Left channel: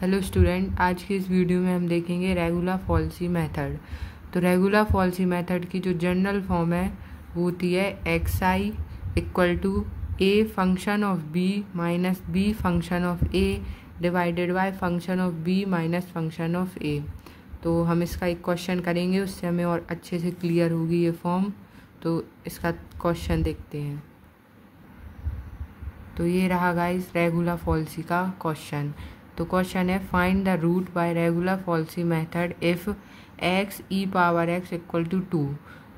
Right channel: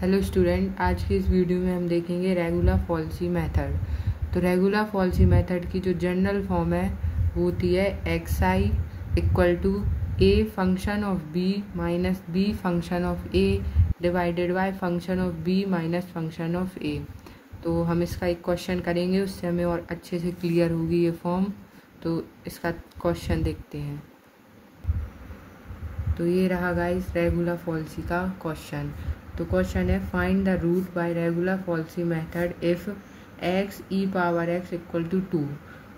Hello student, आज की इस वीडियो में हम देखेंगे रेगुलर फॉल्सी मेथड। तो रेगुलर फॉल्सी मेथड की जो जनरल फॉर्म है वो होती है X I equal to A function of B minus B function of A divided by function of B minus function of A. तो हम इसका एक क्वेश्चन करेंगे, उससे हमें और अच्छे से क्लियर होगी ये फॉर्म। तो इसका क्वेश्चन देखते हैं। तो ये रहा गाइस रेगुलर फॉल्सी का क्वेश्चन। तो क्वेश्चन है find the root by regular falsi method if X E power X equal to 2।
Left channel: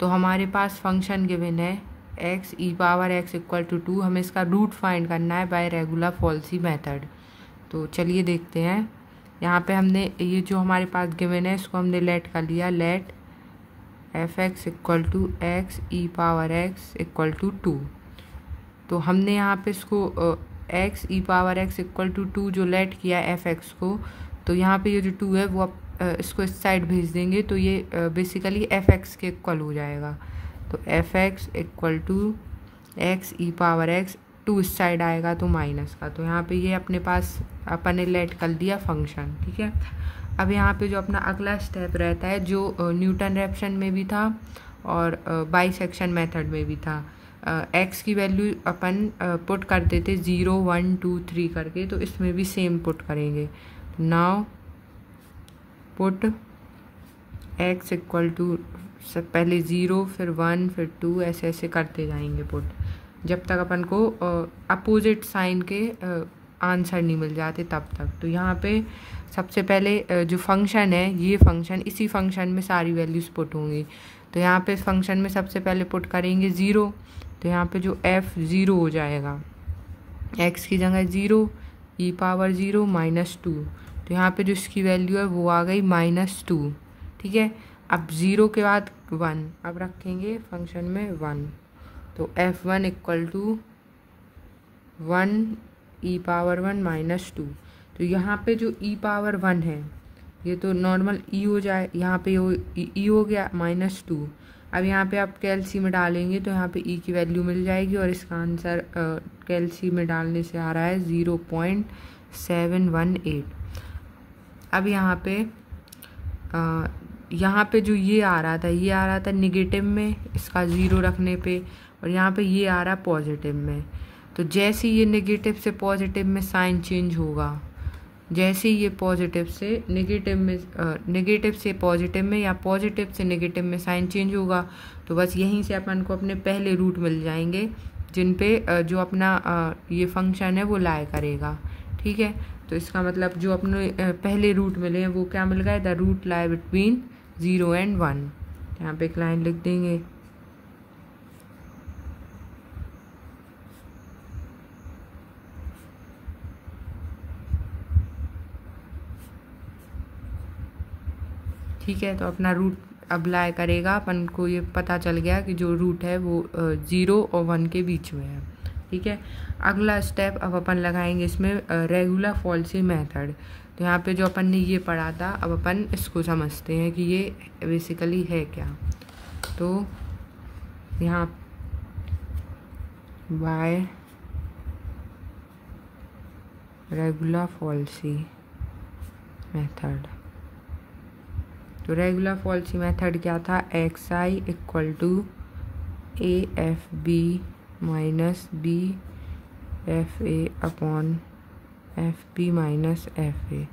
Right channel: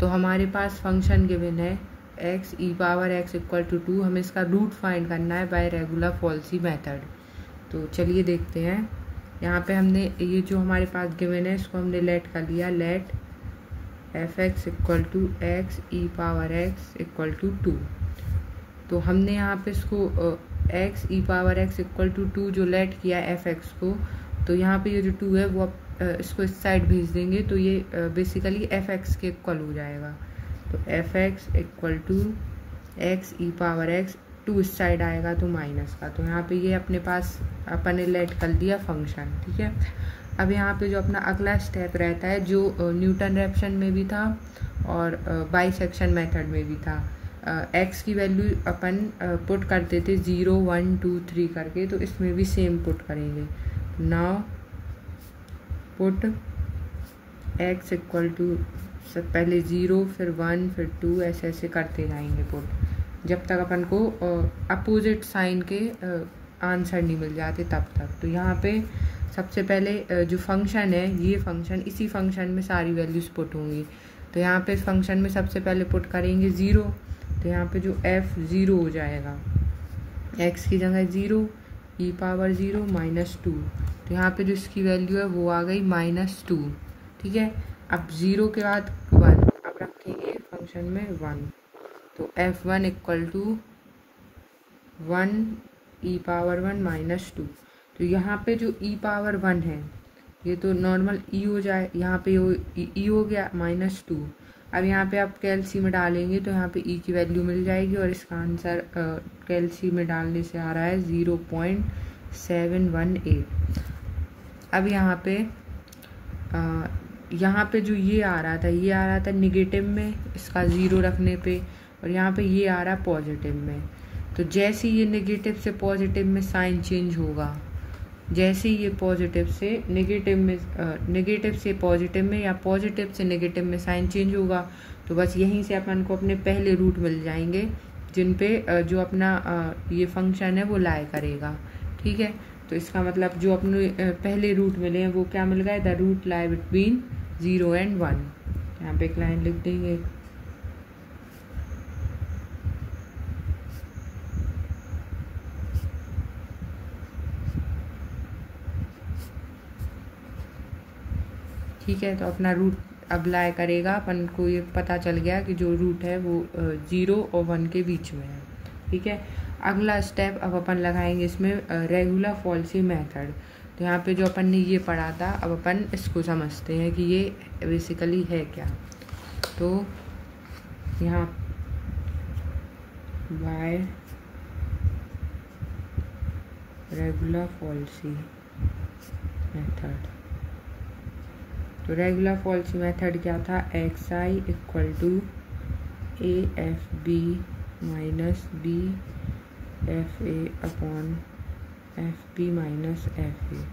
तो हमारे पास फंक्शन गिवन है X E power X equal to 2। हमें इसका रूट फाइंड करना है बाय रेगुलर फॉल्सी मेथड। तो चलिए देखते हैं। यहाँ पे हमने ये जो हमारे पास गिवन है इसको हमने लेट कर लिया, let F X equal to X E power X equal to 2। तो हमने यहाँ पे इसको X E power X equal to 2 जो लेट किया एफ एक्स को, तो यहाँ पे ये जो 2 है वो इसको इस साइड भेज देंगे तो ये बेसिकली एफ एक्स के इक्वल हो जाएगा। तो F X equal to X E power X, 2 इस साइड आएगा तो माइनस का। तो यहाँ पे ये अपने पास अपन ने लेट कर दिया फंक्शन, ठीक है। अब यहाँ पे जो अपना अगला स्टेप रहता है जो न्यूटन रैप्सन में भी था और बाइसेक्शन मेथड में भी था, एक्स की वैल्यू अपन पुट करते थे 0 1 2 3 करके, तो इसमें भी सेम पुट करेंगे। Now put X equal to से पहले 0 फिर 1 फिर 2 ऐसे ऐसे करते जाएंगे पुट, जब तक अपन को अपोजिट साइन के आंसर नहीं मिल जाते तब तक। तो यहाँ पे सबसे पहले जो फंक्शन है ये फंक्शन, इसी फंक्शन में सारी वैल्यूज पुट होंगी। तो यहाँ पे फंक्शन में सबसे पहले पुट करेंगे 0। तो यहाँ पे जो f 0 हो जाएगा, x की जगह 0 e पावर 0 माइनस 2। तो यहाँ पे जो इसकी वैल्यू है वो आ गई -2, ठीक है। अब 0 के बाद 1, अब रखेंगे फंक्शन में 1। तो f1 equal to 1 e power 1 minus 2। तो यहाँ पे जो e पावर 1 है ये तो नॉर्मल e हो जाए, यहाँ पे e हो गया -2। अब यहाँ पे आप कैलसी में डालेंगे तो यहाँ पे e की वैल्यू मिल जाएगी और इसका आंसर कैलसी में डालने से आ रहा है 0.718। अब यहाँ पे जो ये आ रहा था निगेटिव में इसका 0 रखने पे, और यहाँ पे ये आ रहा है पॉजिटिव में। तो जैसे ये नेगेटिव से पॉजिटिव में साइन चेंज होगा, जैसे ये पॉजिटिव से नेगेटिव में, नेगेटिव से पॉजिटिव में या पॉजिटिव से नेगेटिव में साइन चेंज होगा, तो बस यहीं से अपन को अपने पहले रूट मिल जाएंगे जिन पे जो अपना ये फंक्शन है वो लाई करेगा, ठीक है। तो इसका मतलब जो अपने पहले रूट मिले हैं वो क्या मिल गए, the root lie between 0 and 1। यहाँ पे एक लाइन लिख देंगे। ठीक है, तो अपना रूट अप्लाई करेगा, अपन को ये पता चल गया कि जो रूट है वो 0 और 1 के बीच में है, ठीक है। अगला स्टेप अब अपन लगाएंगे इसमें रेगुलर फॉल्सी मेथड। तो यहाँ पे जो अपन ने ये पढ़ा था, अब अपन इसको समझते हैं कि ये बेसिकली है क्या। तो यहाँ बाय रेगुलर फॉल्सी मेथड, तो रेगुलर फॉल्सी मेथड क्या था, X I equal to A F B minus B F A upon F B minus F A.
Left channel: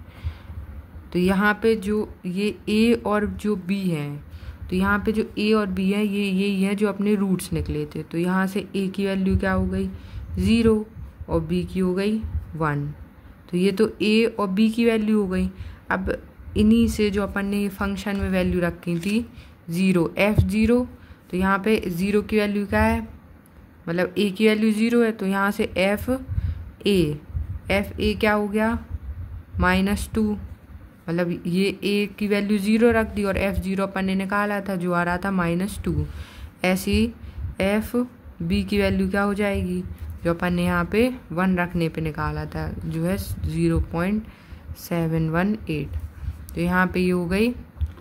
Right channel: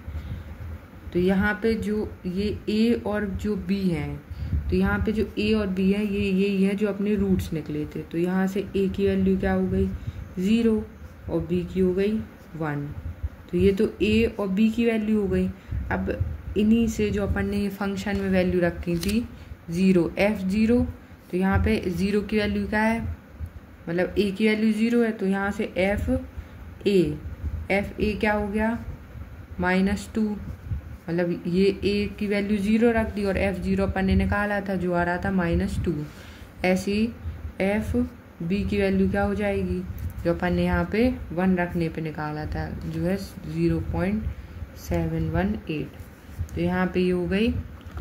तो यहाँ पे जो ये ए और जो बी है, तो यहाँ पे जो ए और बी है ये यही है जो अपने रूट्स निकले थे। तो यहाँ से ए की वैल्यू क्या हो गई 0 और बी की हो गई 1। तो ये तो ए और बी की वैल्यू हो गई। अब इन्हीं से जो अपन ने फंक्शन में वैल्यू रखी थी 0 f0, तो यहाँ पे 0 की वैल्यू क्या है, मतलब a की वैल्यू 0 है, तो यहाँ से f a क्या हो गया -2, मतलब ये a की वैल्यू 0 रख दी और f0 अपन ने निकाला था जो आ रहा था -2। ऐसे ही f b की वैल्यू क्या हो जाएगी, जो अपन ने यहाँ पे 1 रखने पे निकाला था जो है 0.718। तो यहाँ पे ये हो गई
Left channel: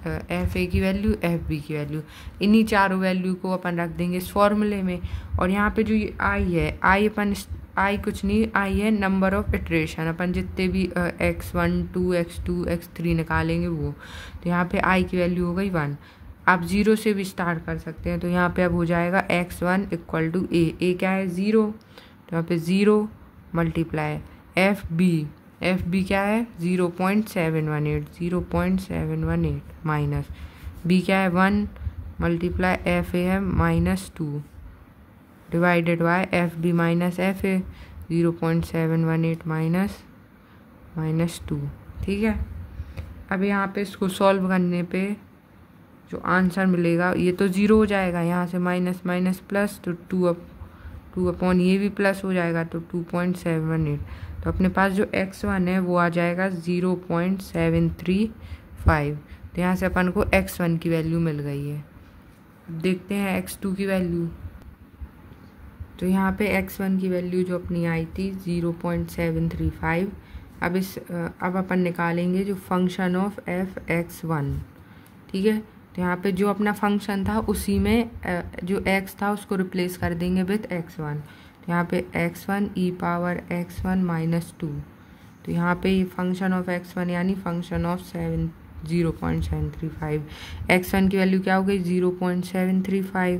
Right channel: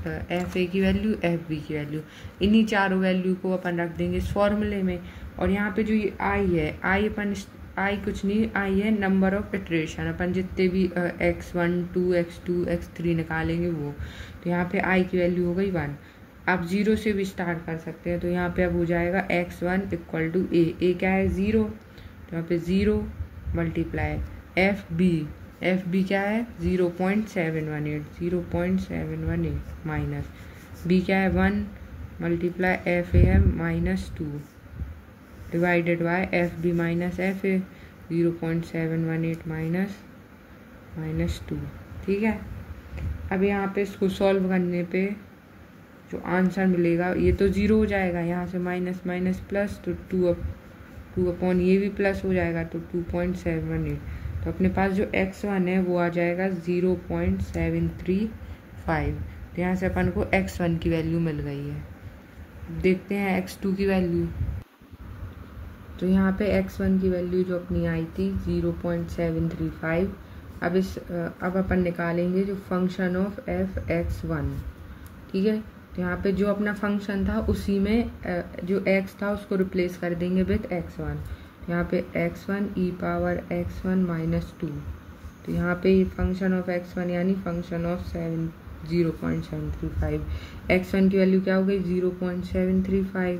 एफ ए की वैल्यू, एफ बी की वैल्यू। इन्हीं चारों वैल्यू को अपन रख देंगे इस फॉर्मूले में। और यहाँ पे जो ये आई है, आई अपन आई कुछ नहीं, आई है नंबर ऑफ इटरेशन, अपन जितने भी x1 2 x2 x3 निकालेंगे वो। तो यहाँ पे आई की वैल्यू हो गई 1। आप 0 से भी स्टार्ट कर सकते हैं, तो यहाँ पे अब हो जाएगा x1 इक्वल टू ए क्या है 0, तो यहाँ पे 0 मल्टीप्लाई एफ बी क्या है 0.718 माइनस बी क्या है 1 मल्टीप्लाई एफ ए है -2 divided by F B minus F A 0.718 -2। ठीक है, अब यहाँ पे इसको सॉल्व करने पे जो आंसर मिलेगा ये तो 0 हो जाएगा, यहाँ से माइनस माइनस प्लस, तो 2 अपॉन ये भी प्लस हो जाएगा, तो 2.78। तो अपने पास जो x1 है वो आ जाएगा 0.735। तो यहाँ से अपन को x1 की वैल्यू मिल गई है। देखते हैं x2 की वैल्यू। तो यहाँ पे x1 की वैल्यू जो अपनी आई थी 0.735। अब अपन निकालेंगे जो फंक्शन ऑफ f(x1). ठीक है, तो यहाँ पे जो अपना फंक्शन था उसी में जो x था उसको रिप्लेस कर देंगे विथ x1। यहाँ पे x1 e पावर x1 -2। तो यहाँ पे ये फंक्शन ऑफ x1 यानी फंक्शन ऑफ 0.735। x1 की वैल्यू क्या हो गई 0.735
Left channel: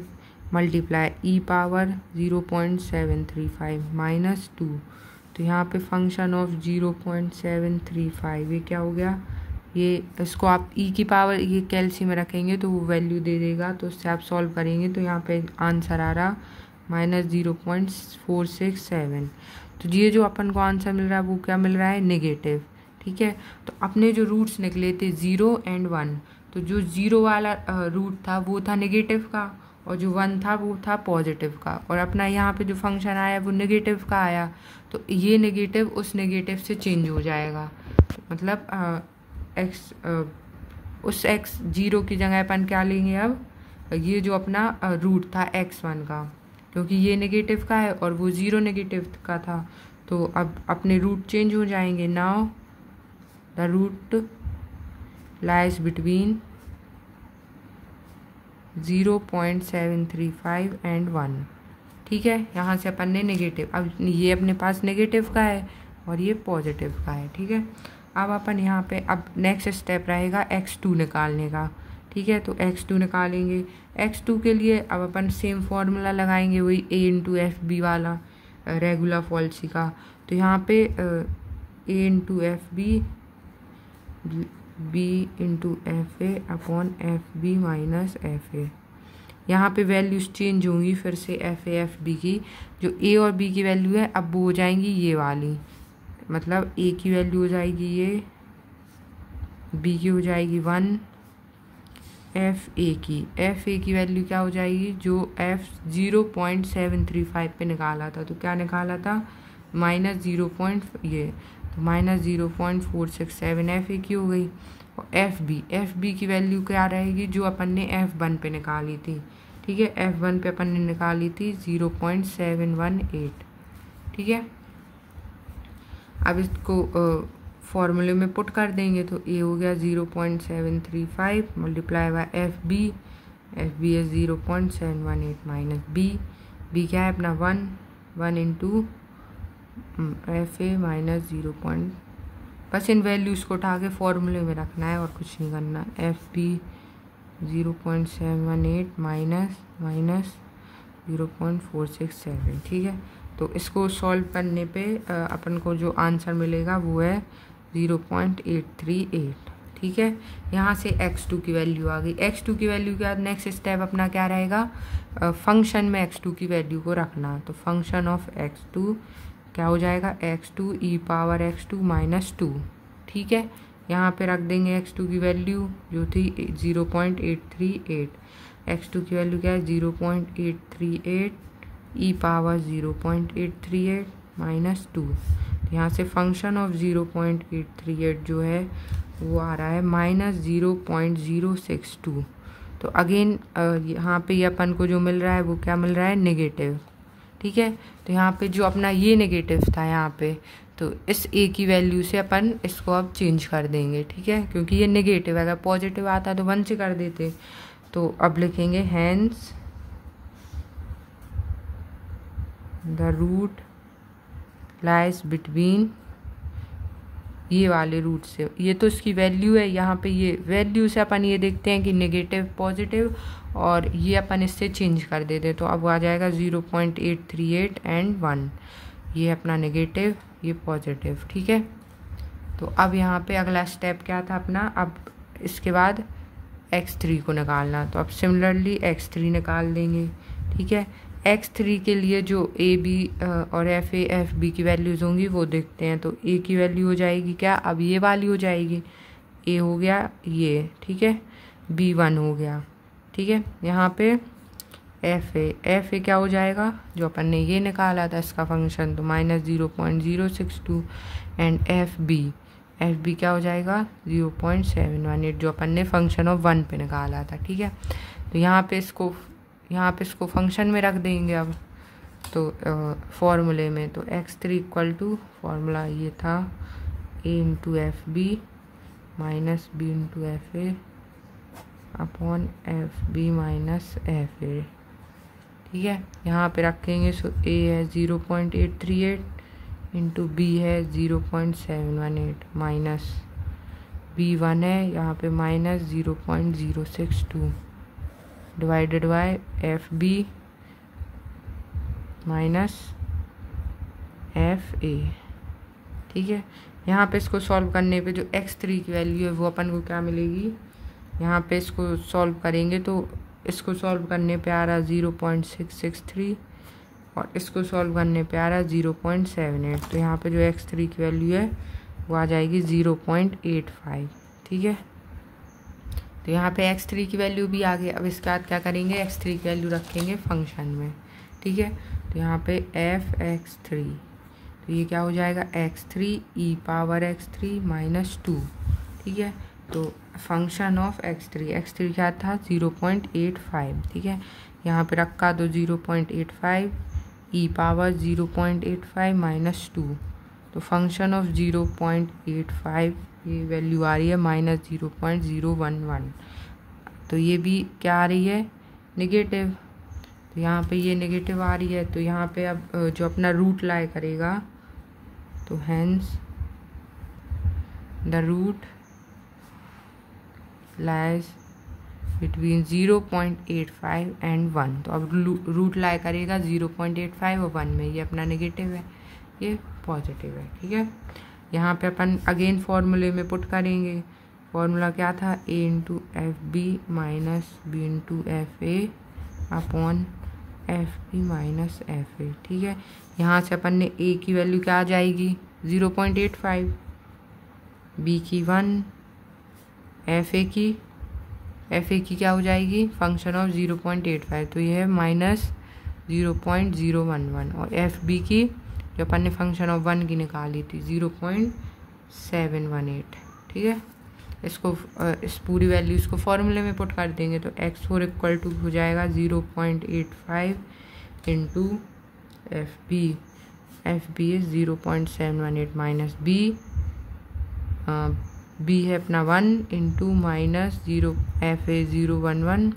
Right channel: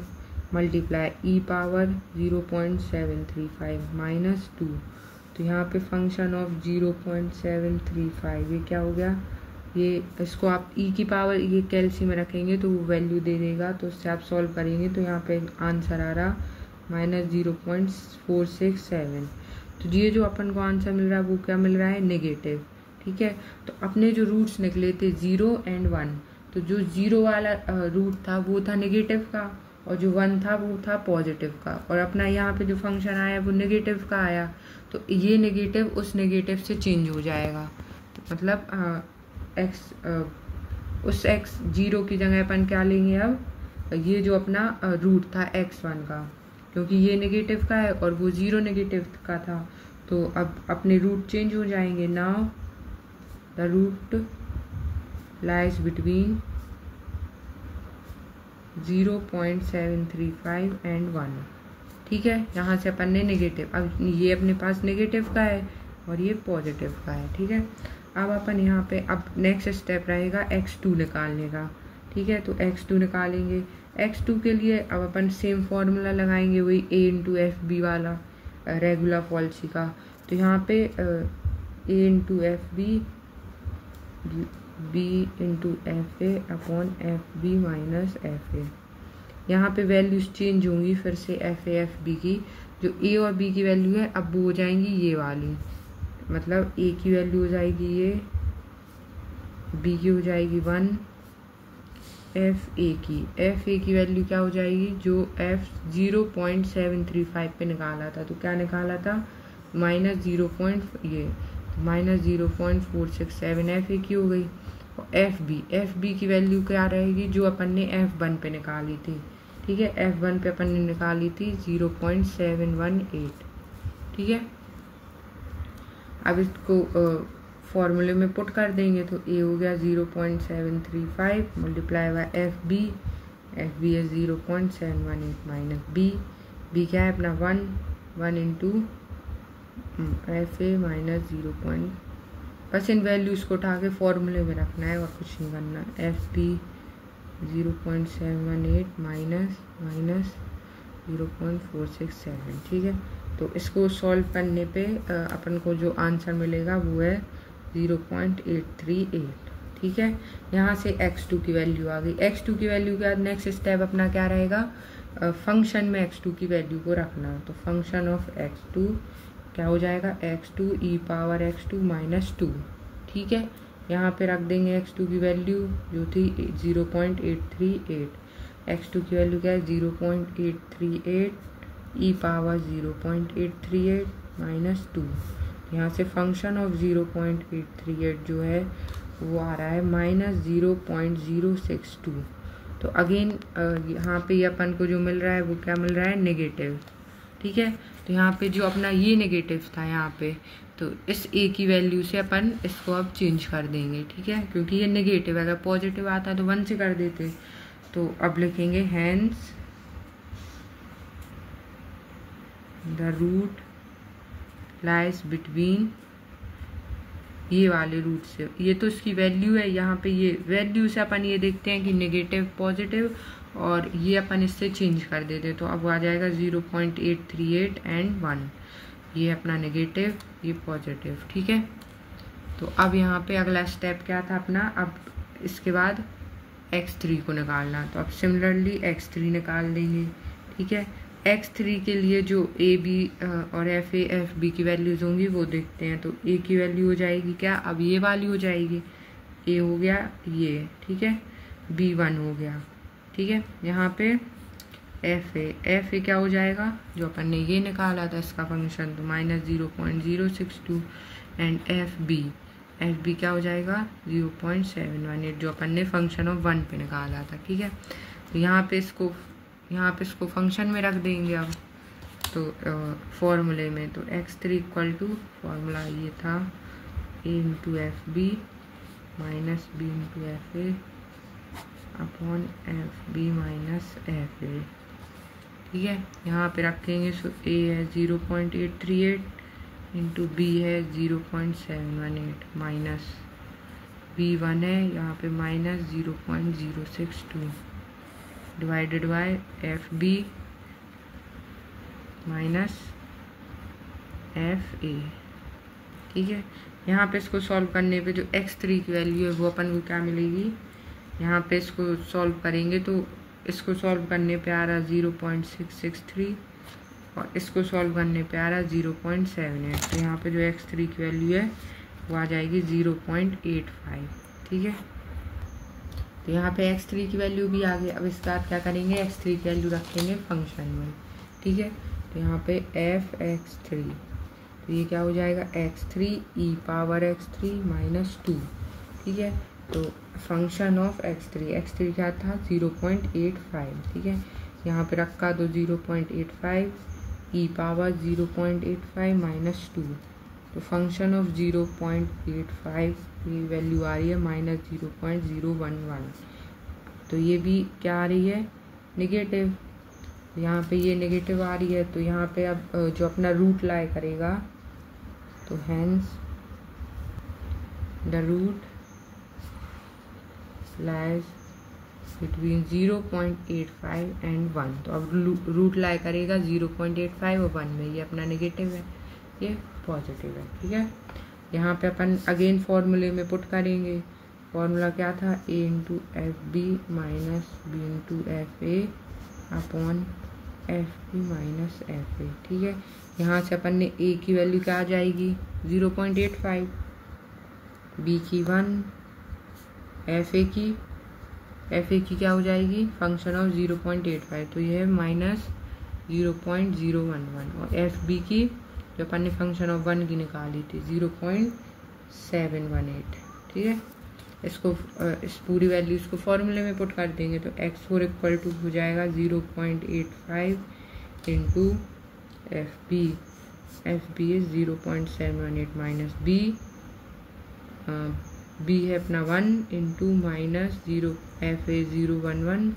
मल्टीप्लाई ई पावर 0.735 -2। तो यहाँ पे फंक्शन ऑफ 0.735 ये क्या हो गया, ये इसको आप ई की पावर ये कैलसी में रखेंगे तो वो वैल्यू दे देगा। तो उससे आप सॉल्व करेंगे तो यहाँ पे आंसर आ रहा -0.467। तो ये जो अपन को आंसर मिल रहा है वो क्या मिल रहा है नेगेटिव। ठीक है, तो अपने जो रूट्स निकले थे 0 और 1, तो जो 0 वाला रूट था वो था नेगेटिव का और जो 1 था वो था पॉजिटिव का, और अपना यहाँ पे जो फंक्शन आया वो नेगेटिव का आया। तो ये नेगेटिव उस नेगेटिव से चेंज हो जाएगा, मतलब उस x 0 की जगह अपन क्या लेंगे अब, ये जो अपना रूट था x1 का, क्योंकि ये नेगेटिव का है और वो 0 नेगेटिव का था, तो अब अपने रूट चेंज हो जाएंगे। Now the root lies between 0.735 and 1। ठीक है, यहाँ से अपन ने नेगेटिव, अब ये अपने पास नेगेटिव का है और ये पॉजिटिव का है। ठीक है, अब अपन यहाँ पे अब नेक्स्ट स्टेप रहेगा x2 निकालने का। ठीक है, तो x2 निकालेंगे। x2 के लिए अब अपन सेम फॉर्मूला लगाएंगे, वही a इंटू एफ बी वाला रेगुलर फॉल्सी का। तो यहाँ पे a into F B B into F A upon F B minus F A. यहाँ पे वैल्यूज चेंज होंगी फिर से एफ ए एफ बी की। जो a और b की वैल्यू है अब वो हो जाएंगी ये वाली, मतलब a की वैल्यू हो जाएगी ये, b की हो जाएगी 1, एफ ए की वैल्यू क्या हो जाएगी, जो f 0.735 पे निकाला था, तो क्या निकाला था -0.467 एफ ए की हो गई। और एफ बी की वैल्यू क्या रहेगी, जो अपन ने f1 पे निकाली थी। ठीक है, f1 पे अपन ने निकाली थी 0.718। ठीक है, अब इसको फॉर्मूले में पुट कर देंगे, तो a हो गया 0.735 मल्टीप्लाई बाय एफ बी है 0.718 माइनस बी क्या है अपना 1 इंटू एफ ए माइनस 0. बस इन वैल्यूज़ को उठा के फॉर्मूले में रखना है और कुछ नहीं करना। F B 0.718 minus 0.467। ठीक है, तो इसको सॉल्व करने पे अपन को जो आंसर मिलेगा वो है 0.838। ठीक है, यहाँ से x2 की वैल्यू आ गई। x2 की वैल्यू के बाद नेक्स्ट स्टेप अपना क्या रहेगा, फंक्शन में x2 की वैल्यू को रखना। तो फंक्शन ऑफ x2 क्या हो जाएगा, x2 e power x2 minus 2। ठीक है, यहाँ पे रख देंगे x2 की वैल्यू जो थी 0.838। x2 की वैल्यू क्या है 0.838 e पावर 0.838 माइनस 2। यहाँ से फंक्शन ऑफ 0.838 जो है वो आ रहा है -0.062। तो अगेन यहाँ पे ये अपन को जो मिल रहा है वो क्या मिल रहा है, नेगेटिव। ठीक है, तो यहाँ पे जो अपना ये नेगेटिव था यहाँ पे, तो इस a की वैल्यू से अपन इसको अब चेंज कर देंगे। ठीक है, क्योंकि ये नेगेटिव है, अगर पॉजिटिव आता तो 1 से कर देते। तो अब लिखेंगे hence the root lies between ये वाले रूट से, ये तो इसकी वैल्यू है, यहाँ पे ये वैल्यू से अपन ये देखते हैं कि नेगेटिव पॉजिटिव, और ये अपन इससे चेंज कर देते, तो अब आ जाएगा 0.838 एंड 1, ये अपना नेगेटिव, ये पॉजिटिव। ठीक है, तो अब यहाँ पे अगला स्टेप क्या था अपना, अब इसके बाद x3 को निकालना, तो अब सिमिलरली x3 निकाल देंगे। ठीक है, x3 के लिए जो a b और f a f b की वैल्यूज होंगी वो देखते हैं। तो a की वैल्यू हो जाएगी क्या, अब ये वाली हो जाएगी, a हो गया ये, ठीक है, b 1 हो गया। ठीक है, यहाँ पे f a क्या हो जाएगा, जो अपन ने ये निकाला था इसका फंक्शन, तो -0.062 एंड f b क्या हो जाएगा 0.718, जो अपन ने फंक्शन ऑफ 1 पे निकाला था। ठीक है, तो यहाँ पे इसको फंक्शन में रख देंगे अब, तो फॉर्मूले में, तो x3 इक्वल टू फॉर्मूला ये था a into F B minus B into F A upon F B minus F A. ठीक है, यहाँ पे रखेंगे, सो a है 0.838 इंटू बी है 0.718 माइनस b1 है यहाँ पे minus 0.062 divided by F B minus F A. ठीक है, यहाँ पे इसको सॉल्व करने पे जो x3 की वैल्यू है वो अपन को क्या मिलेगी, यहाँ पे इसको सॉल्व करेंगे तो इसको सॉल्व करने पे आ रहा 0.663 और इसको सॉल्व करने पे आ रहा 0.78, तो यहाँ पे जो x3 की वैल्यू है वो आ जाएगी 0.85। ठीक है, तो यहाँ पे x3 की वैल्यू भी आ गई। अब इसके बाद क्या करेंगे, x3 की वैल्यू रखेंगे फंक्शन में। ठीक है, तो यहाँ पे f(x3), तो ये क्या हो जाएगा x3 e power x3 minus 2। ठीक है, तो फंक्शन ऑफ x3 क्या था 0.85। ठीक है, यहाँ पे रखा तो 0.85 e पावर 0.85 माइनस 2, तो फंक्शन ऑफ 0.85 ये वैल्यू आ रही है -0.011, तो ये भी क्या आ रही है नेगेटिव, तो यहाँ पे ये नेगेटिव आ रही है, तो यहाँ पे अब जो अपना रूट लाई करेगा, तो hence the root lies between 0.85 and 1, तो अब रूट लाई करेगा 0.85 और 1 में, ये अपना नेगेटिव है, ये पॉजिटिव है। ठीक है, यहाँ पे अपन अगेन फॉर्मूले में पुट करेंगे, फॉर्मूला क्या था a into F B minus B into F A upon F B minus F A. ठीक है, यहाँ से अपन ने a की वैल्यू क्या आ जाएगी 0.85, b की 1, एफ ए की क्या हो जाएगी फंक्शन ऑफ 0.85, तो ये है -0.011, और एफ बी की जो अपन ने फंक्शन ऑफ 1 की निकाली थी 0.718। ठीक है, इसको इस पूरी वैल्यू इसको फॉर्मूले में पुट कर देंगे, तो x4 इक्वल टू हो जाएगा 0.85 into F B is 0.718 minus B है अपना 1 into minus 0 F A 011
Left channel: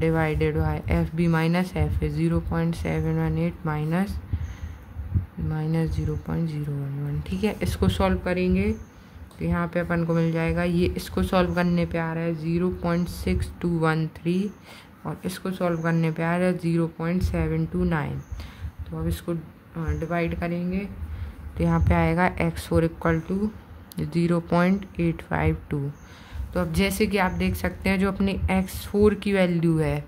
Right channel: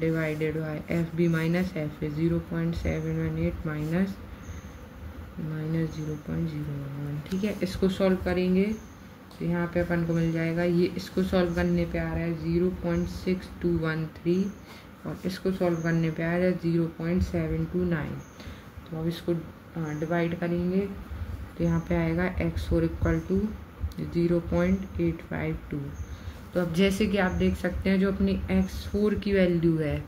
divided by F B minus F A 0.718 minus 0.011। ठीक है, इसको सॉल्व करेंगे तो यहाँ पे अपन को मिल जाएगा, ये इसको सॉल्व करने पे आ रहा है 0.6213 और इसको सॉल्व करने पे आ रहा है 0.729, तो अब इसको डिवाइड करेंगे तो यहाँ पे आएगा x4 इक्वल टू 0.852। तो अब जैसे कि आप देख सकते हैं जो अपनी x4 की वैल्यू है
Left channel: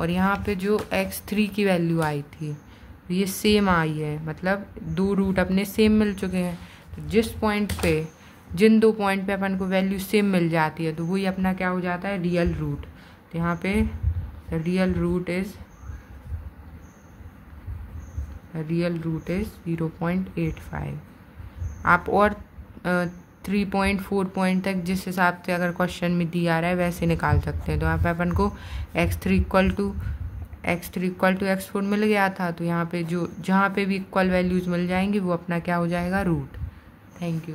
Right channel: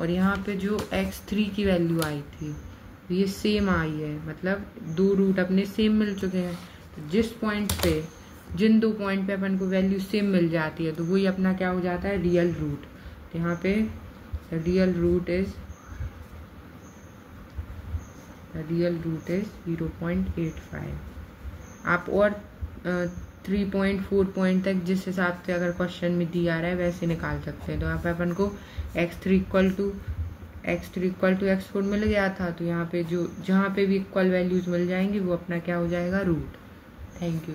और यहाँ पे जो x3 की वैल्यू आई थी ये सेम आई है, मतलब दो रूट अपने सेम मिल चुके हैं। तो जिन दो पॉइंट पे अपन को वैल्यू सेम मिल जाती है तो वही अपना क्या हो जाता है रियल रूट। तो यहाँ पे रियल रूट इज 0.85। आप और 3.4 पॉइंट तक जिस हिसाब से अगर क्वेश्चन में दिया रहा है वैसे निकाल सकते हैं। तो यहाँ पे अपन को x3 इक्वल टू x4 मिल गया था, तो यहाँ पे जहाँ पे भी इक्वल वैल्यूज मिल जाएंगी वो अपना क्या हो जाएगा रूट। Thank you.